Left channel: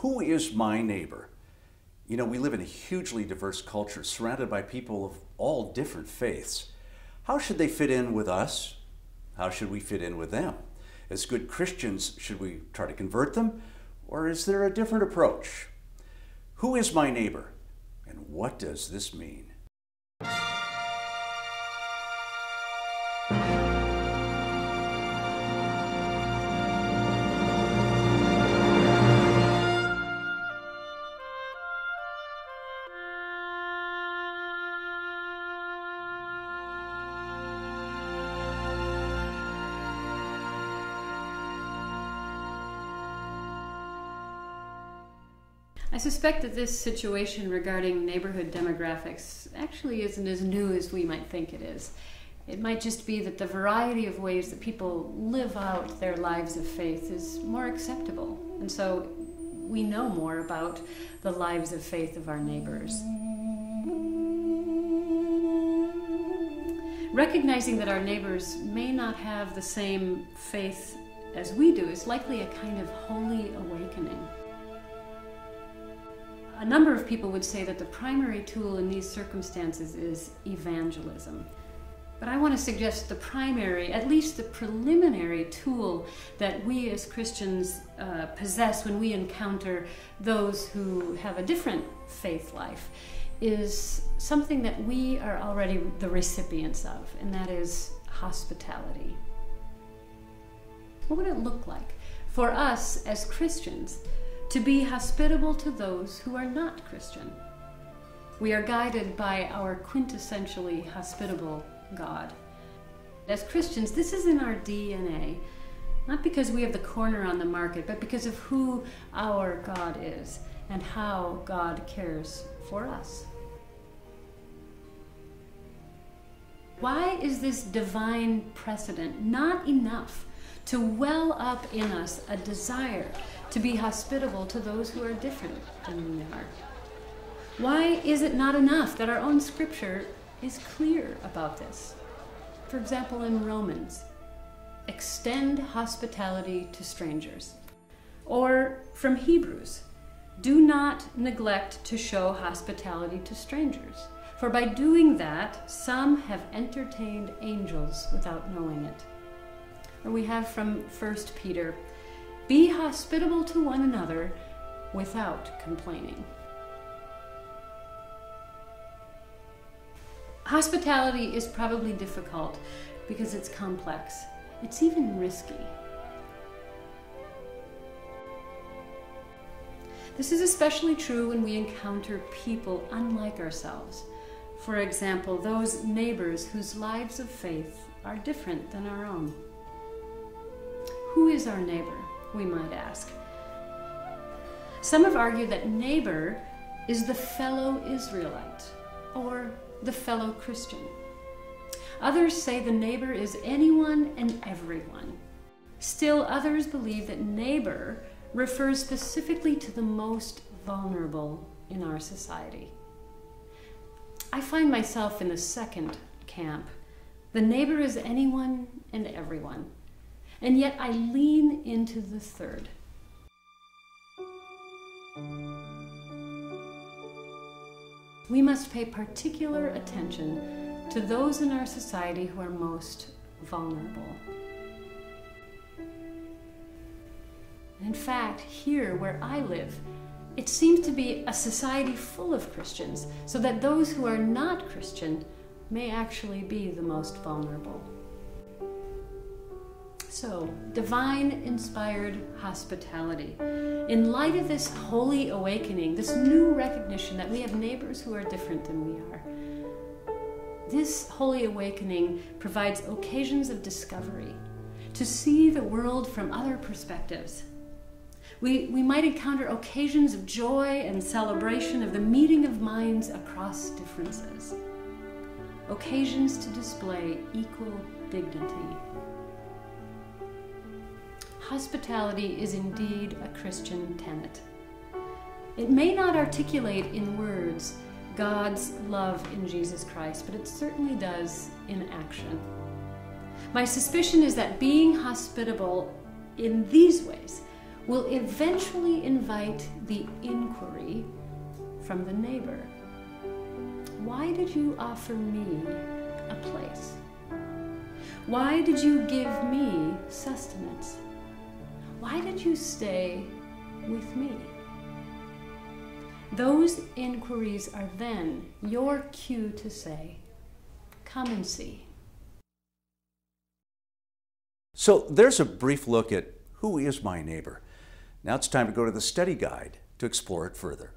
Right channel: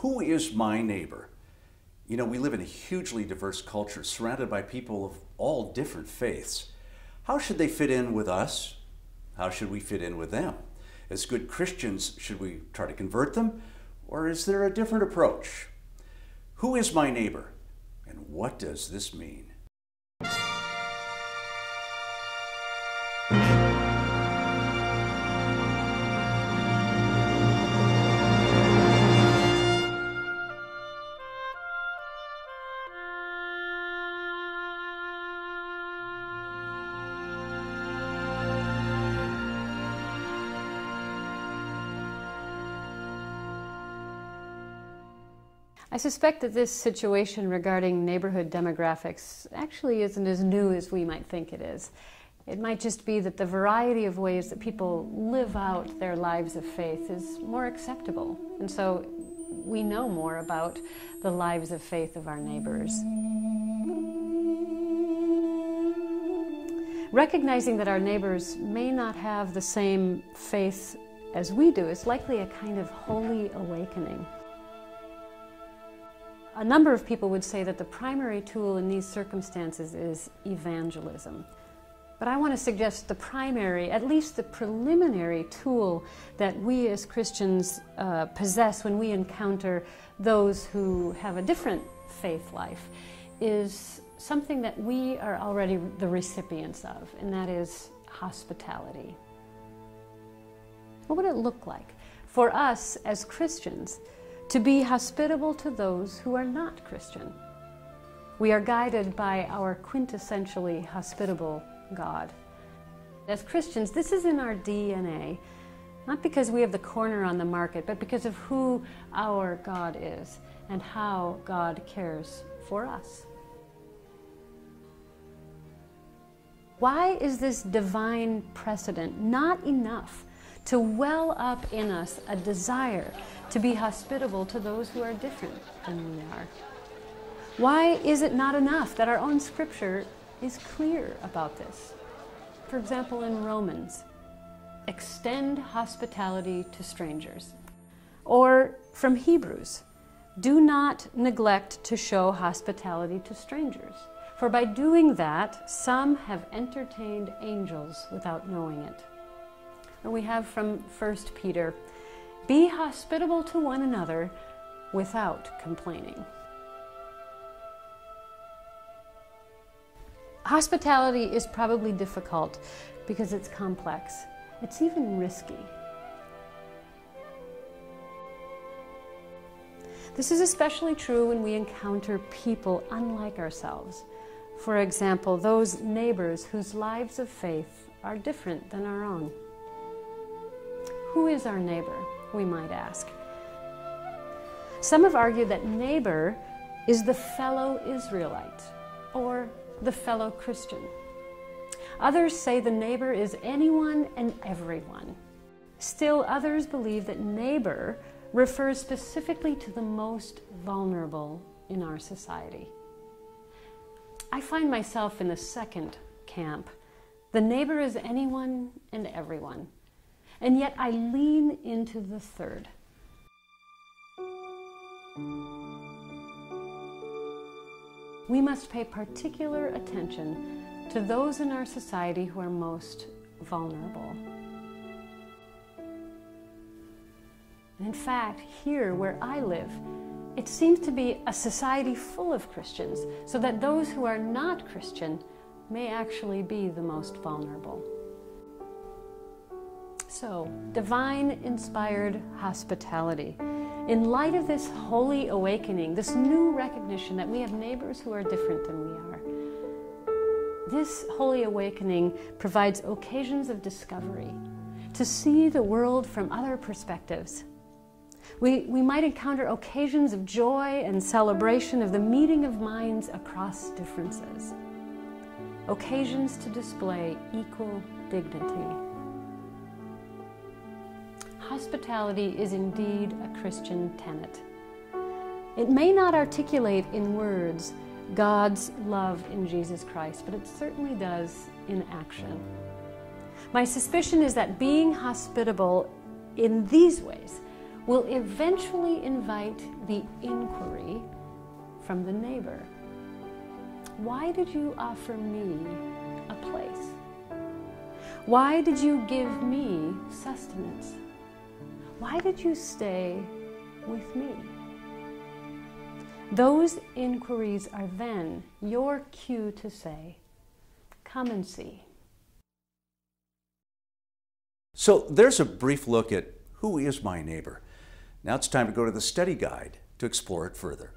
Who is my neighbor? You know, we live in a hugely diverse culture surrounded by people of all different faiths. How should they fit in with us? How should we fit in with them? As good Christians, should we try to convert them? Or is there a different approach? Who is my neighbor? And what does this mean? I suspect that this situation regarding neighborhood demographics actually isn't as new as we might think it is. It might just be that the variety of ways that people live out their lives of faith is more acceptable. And so we know more about the lives of faith of our neighbors. Recognizing that our neighbors may not have the same faith as we do is likely a kind of holy awakening. A number of people would say that the primary tool in these circumstances is evangelism. But I want to suggest the primary, at least the preliminary tool that we as Christians possess when we encounter those who have a different faith life is something that we are already the recipients of, and that is hospitality. What would it look like for us as Christians to be hospitable to those who are not Christian? We are guided by our quintessentially hospitable God. As Christians, this is in our DNA, not because we have the corner on the market, but because of who our God is and how God cares for us. Why is this divine precedent not enough to well up in us a desire to be hospitable to those who are different than we are? Why is it not enough that our own scripture is clear about this? For example, in Romans, extend hospitality to strangers. Or from Hebrews, do not neglect to show hospitality to strangers, for by doing that, some have entertained angels without knowing it. Or we have from 1 Peter, be hospitable to one another without complaining. Hospitality is probably difficult because it's complex. It's even risky. This is especially true when we encounter people unlike ourselves. For example, those neighbors whose lives of faith are different than our own. Who is our neighbor, we might ask? Some have argued that neighbor is the fellow Israelite or the fellow Christian. Others say the neighbor is anyone and everyone. Still, others believe that neighbor refers specifically to the most vulnerable in our society. I find myself in the second camp. The neighbor is anyone and everyone. And yet I lean into the third. We must pay particular attention to those in our society who are most vulnerable. In fact, here where I live, it seems to be a society full of Christians, so that those who are not Christian may actually be the most vulnerable. So, divine-inspired hospitality. In light of this holy awakening, this new recognition that we have neighbors who are different than we are, this holy awakening provides occasions of discovery, to see the world from other perspectives. We might encounter occasions of joy and celebration of the meeting of minds across differences. Occasions to display equal dignity. Hospitality is indeed a Christian tenet. It may not articulate in words God's love in Jesus Christ, but it certainly does in action. My suspicion is that being hospitable in these ways will eventually invite the inquiry from the neighbor. Why did you offer me a place? Why did you give me sustenance? Why did you stay with me? Those inquiries are then your cue to say, come and see. So there's a brief look at who is my neighbor. Now it's time to go to the study guide to explore it further.